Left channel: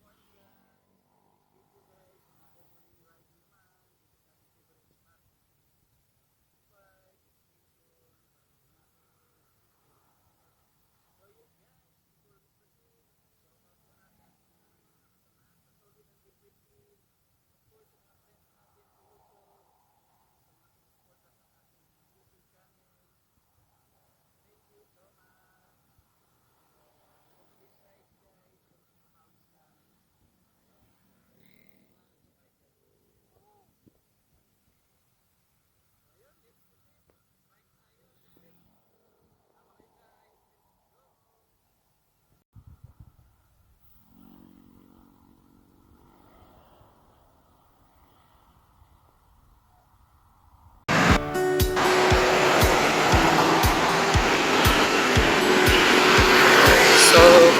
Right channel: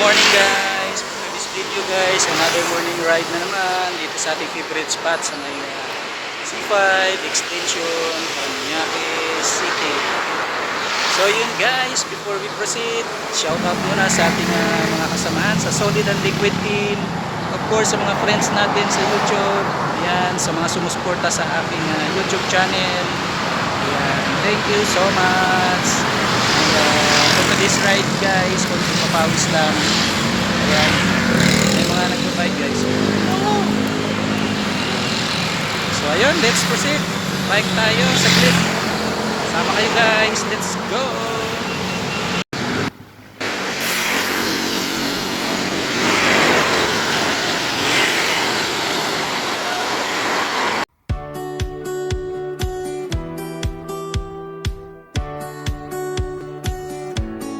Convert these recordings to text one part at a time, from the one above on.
morning guys! For this video guys, another morning ride na naman dito sa ating favorite spot sa may C5 Extension, Paranaque City. So yun guys, before we proceed, shout out muna sa ating mga kasamahan sa Solid and Liquid Team. Of course sa mga friends natin sa YouTube, ayan, sa mga sumusuporta sa aking YouTube channel. Ayan, thank you so much. To this ride guys, kung papawis lang. Ayan, may mga nagbabike guys. So ayun, let's proceed. Bike tayo sa clip. Sama kayo guys, let's go.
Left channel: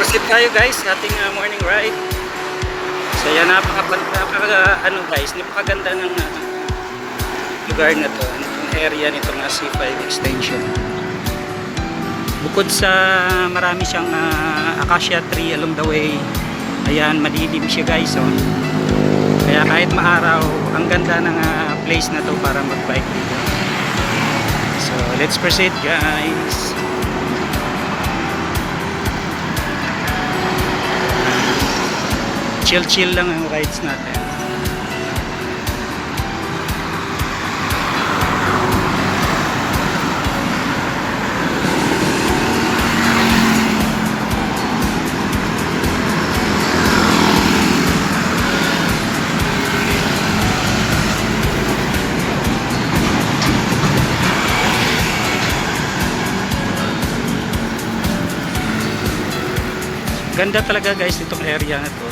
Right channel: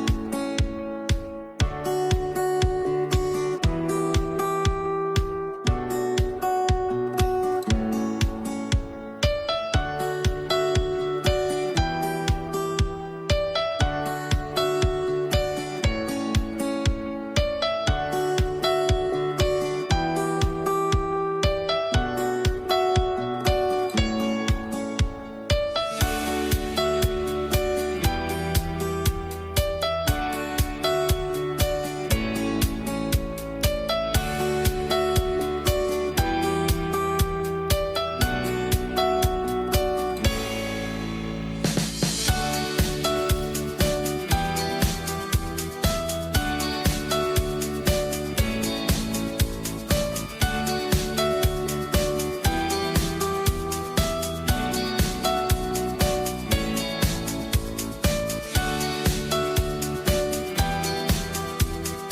Proceed tayo guys sa ating morning ride. So yan, napakaganda ng lugar na to, ang area nito ng C5 Extension. Bukod sa marami siyang acacia tree along the way, ayan, madilim siya guys, oh. Kaya kahit maaraw, ang ganda ng place na to para magbike. So let's proceed guys. Chill lang ang rides natin. Ganda talaga guys itong area na to.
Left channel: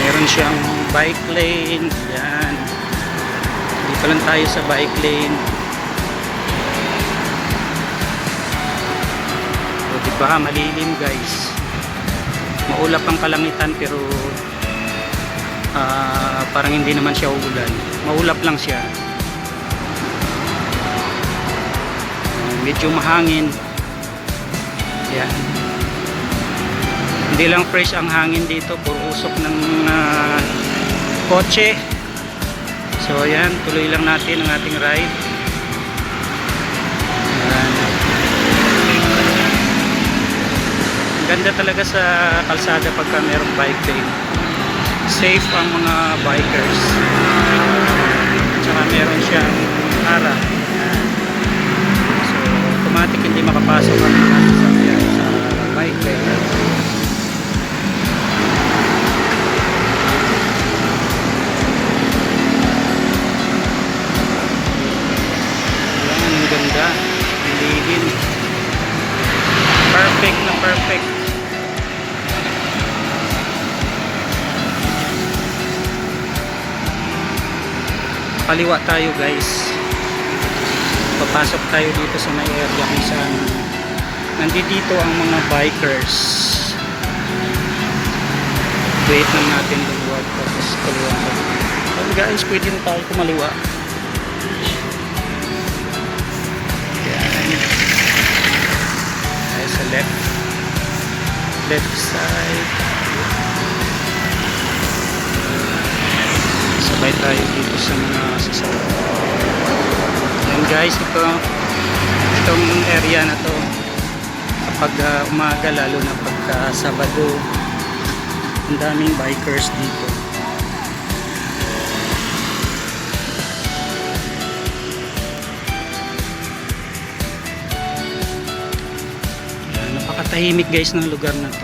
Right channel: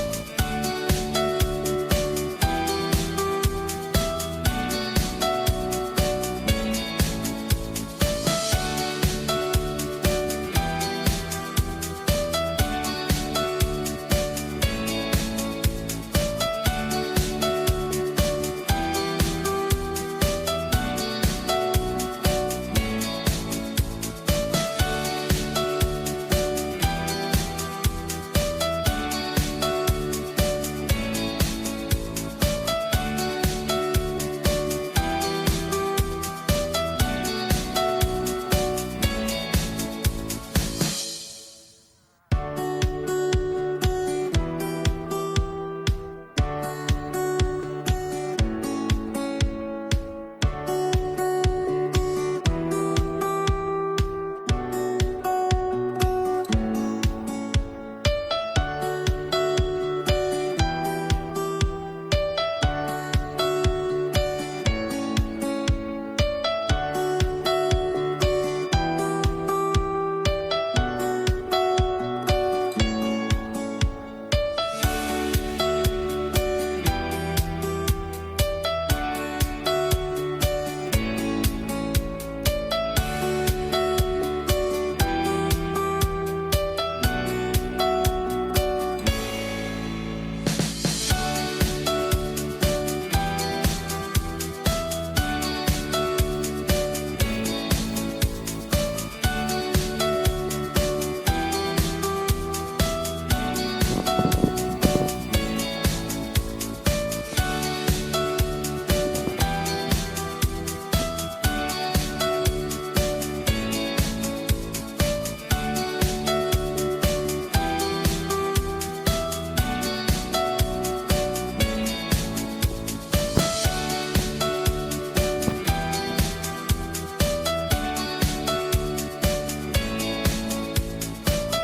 Meron siyang bike lane. Yan. Dito lang tayo sa bike lane. O diba, malilim guys. Maulap ang kalangitan pero parang hindi naman siya uulan. Maulap lang siya. Medyo mahangin. Yan. Hindi lang fresh ang hangin dito, puro usok ng kotse. So ayan, tuloy lang natin ang ating ride. Ganda talaga sa kalsada pagka merong bike lane. Safe ang mga bikers. Tsaka meron siyang ara. So automatic hindi makapasok ang mga sasakyan sa bike lane. Perfect na perfect. Kaliwa tayo guys. Papasok tayo dito sa may area kung saan nandito ang mga bikers. Wait lang natin luwag. Tapos kaliwa tayo. So guys, pwede na tayo kumaliwa. Left side. Sabay tayo dito sa mga sasakyan. Yan guys, itong area na to kapag umaga, lalo na pagka Sabado, ang daming bikers dito. Tahimik guys ng lugar na to.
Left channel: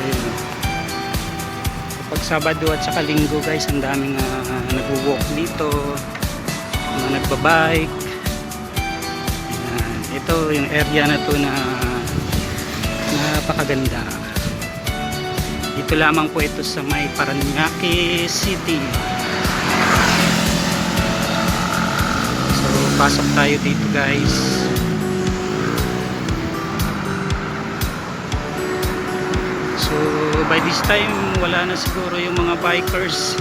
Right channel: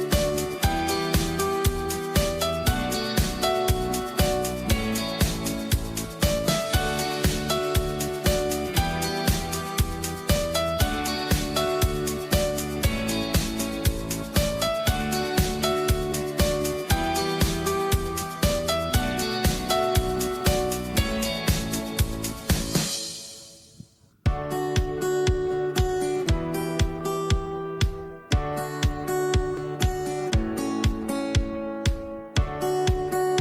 Ayun. Pag Sabado at saka Linggo guys, ang daming nag-walk dito, mga nagbabike. Ito yung area na to na napakaganda. Dito lamang po ito sa may Paranaque City. So pasok tayo dito guys. By this time wala na siguro yung mga bikers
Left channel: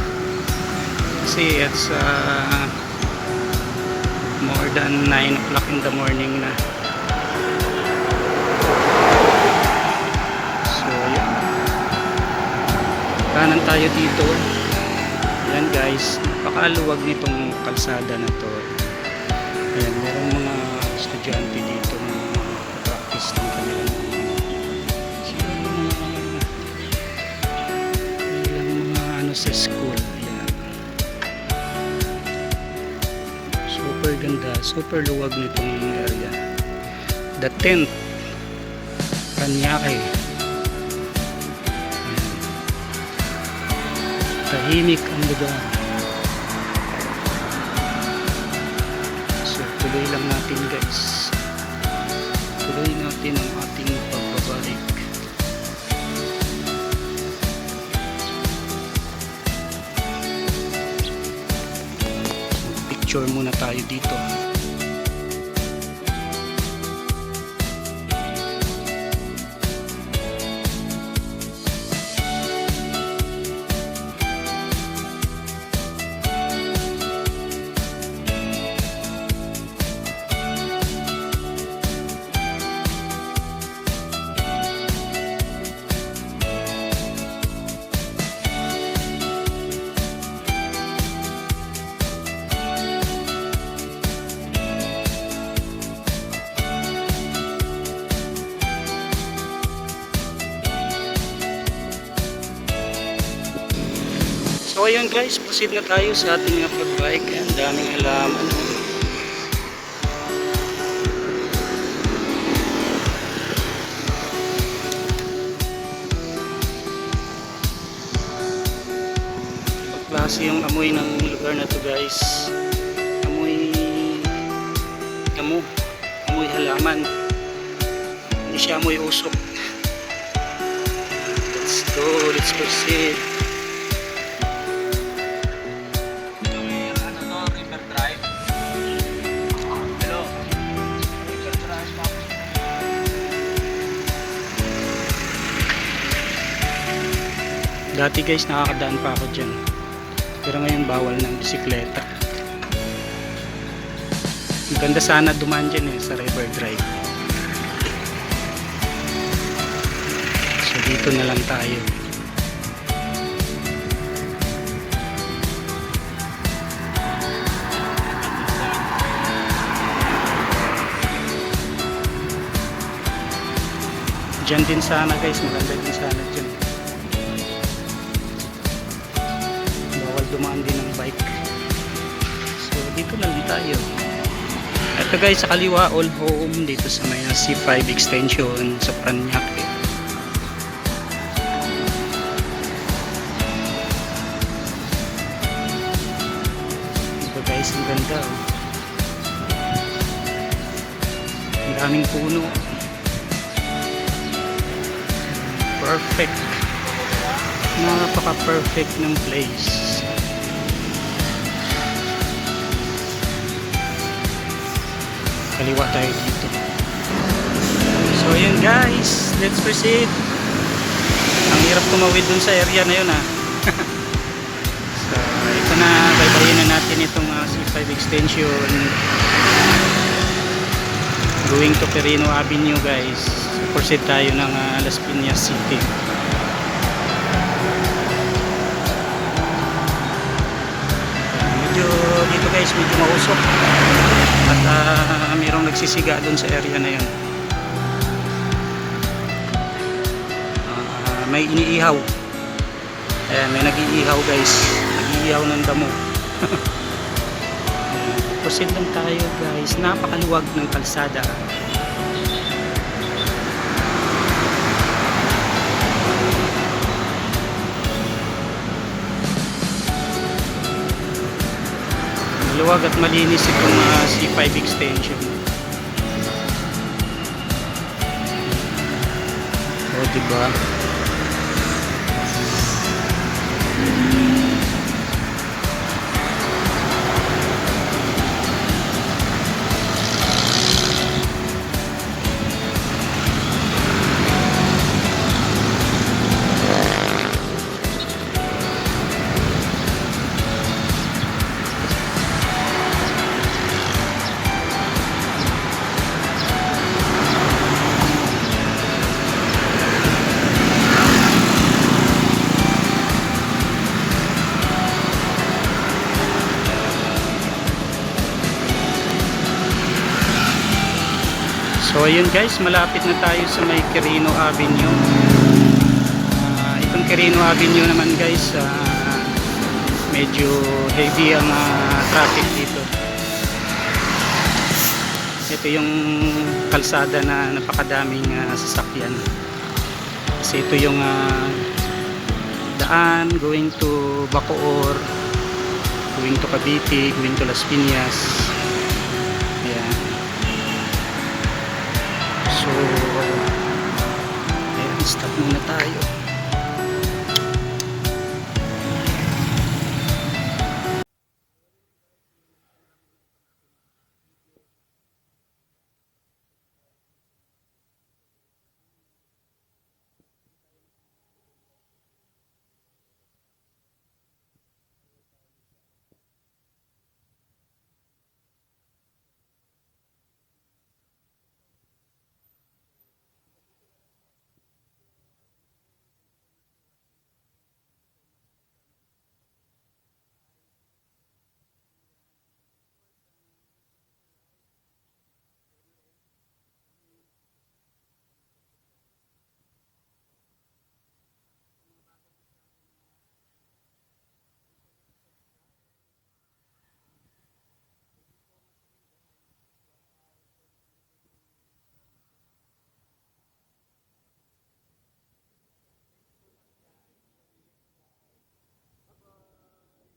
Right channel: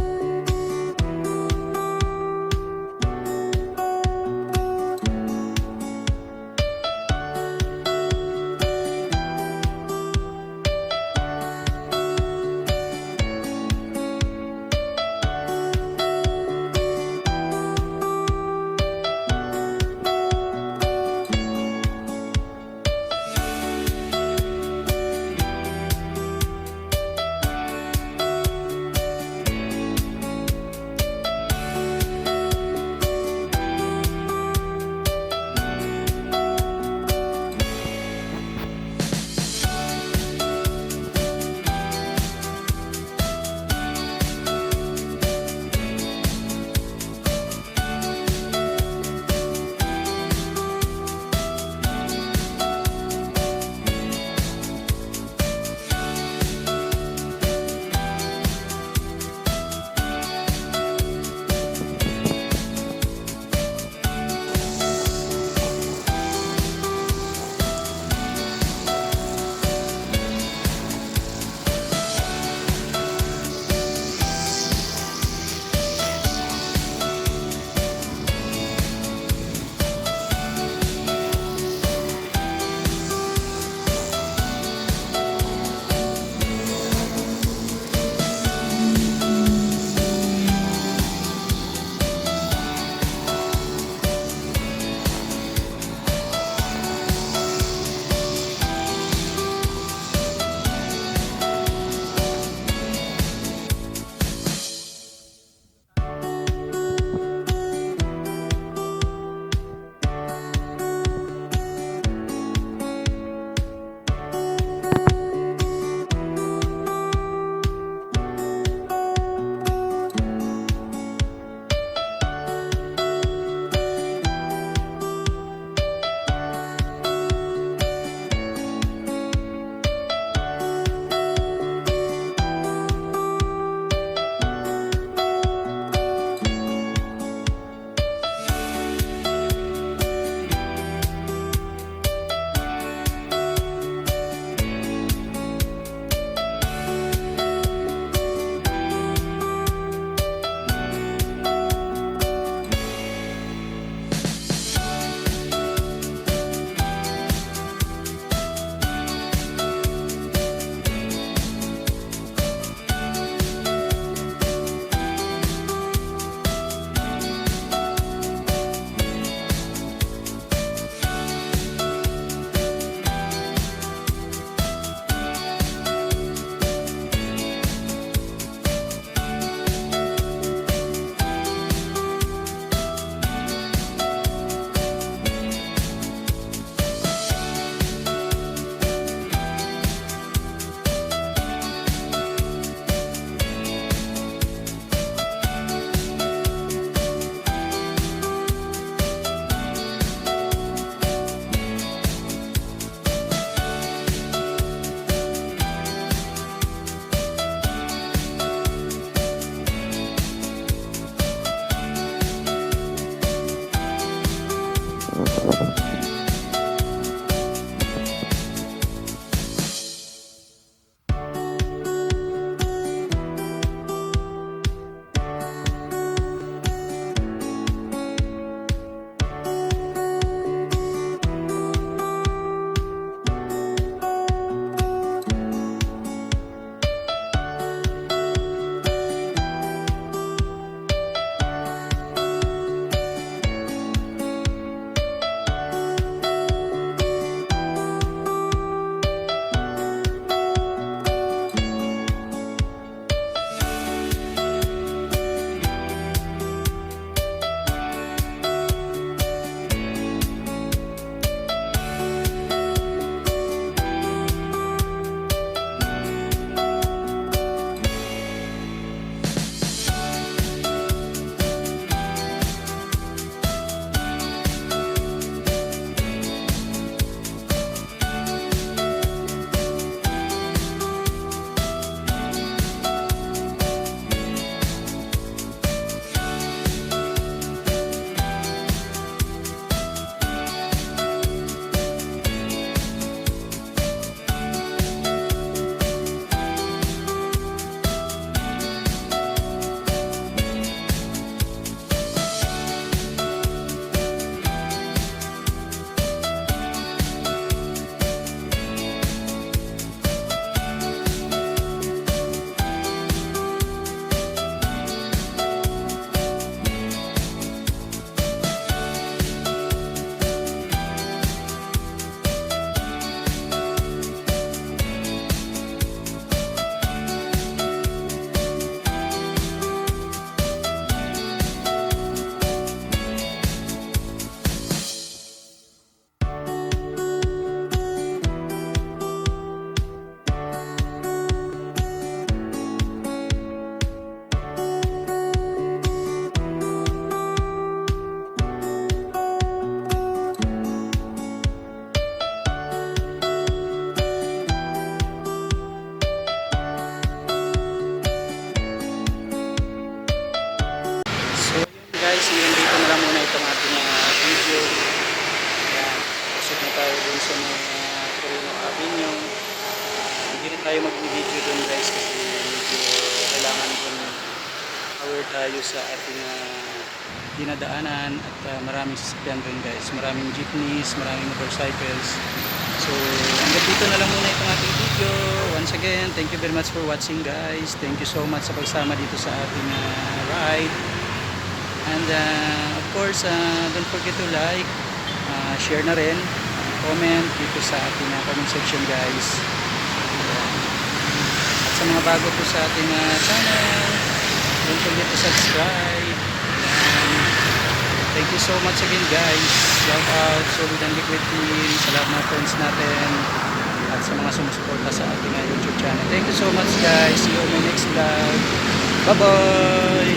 kasi it's more than 9 o'clock in the morning na. dito. Ayan guys, napakaluwag nitong kalsada na to. Ayan, merong mga estudyante dito na practice ng kanilang mga ano sa school. Ayan. Super ganda, super luwag nitong area. The 10th Paranaque. Tahimik ang lugar. So tuloy lang natin guys. Tuloy natin ang ating pagbabalik. Picture muna tayo dito. So ayun guys, proceed na tayo sa ating pagbike. Ang daming halaman. Klase yung amoy ng lugar na to guys. Amoy damo, amoy halaman. Hindi siya amoy usok. Let's go, let's proceed. Dati guys nakakadaan pa ako dyan, pero ngayon bawal ng bisikleta. Ang ganda sana dumaan dyan sa River Drive. So dito na lang tayo. Dyan din sana guys, maganda din sana dyan. Ito guys, sa kaliwa, old home dito sa may C5 extension sa Paranaque. Ito guys, ang ganda. Ang daming puno. Perfect. Napaka-perfect ng place. Kaliwa tayo dito. So yun guys, let's proceed. Ang hirap tumawid dun sa area na yun So ito na, baybayin na natin itong C5 extension going to Perino Avenue guys. Proceed tayo ng Las Piñas City. Medyo dito guys, medyo mausok at mayroong nagsisiga doon sa area na yun. May iniihaw. Ayan, may nag-iihaw guys, nag-iihaw ng damo. Proceed lang tayo guys, napakaluwag ng kalsada. Luwag at malinis itong C5 extension. O diba? So ayun guys, malapit na tayo sa may Quirino Avenue. Itong Quirino Avenue naman guys, medyo heavy ang traffic dito. Ito yung kalsada na napakadaming sasakyan. Kasi ito yung daan going to Bacoor, going to Cavite, going to Las Piñas. Ayan. So, ayan, stop muna tayo. So, yun guys, ngayon dito na lang muna itong ating video. Ayan, pasok na tayo dun sa mga Quirino Avenue. Hindi na tayo mag-video dun guys kasi medyo kailangan dun aware tayo sa ating dinadaanan at maraming sasakyan dun guys, maraming jeepneys, maraming motorcycles. So hanggang dito na lang muna itong ating video. Once again, thank you very much for watching guys. Thank you so much sa pagsama dito sa ating ride. And of course, don't forget to like, share na rin, comment dito sa ating comment section guys. At sa mga bago po sa ating channel, don't forget to subscribe. Thank you so much again guys. Shout out Solid and Liquid Team, sa lahat ng friends natin at sa mga sumusuporta sa ating YouTube channel. Thank you so much guys. See you on my next vlog. Bye bye.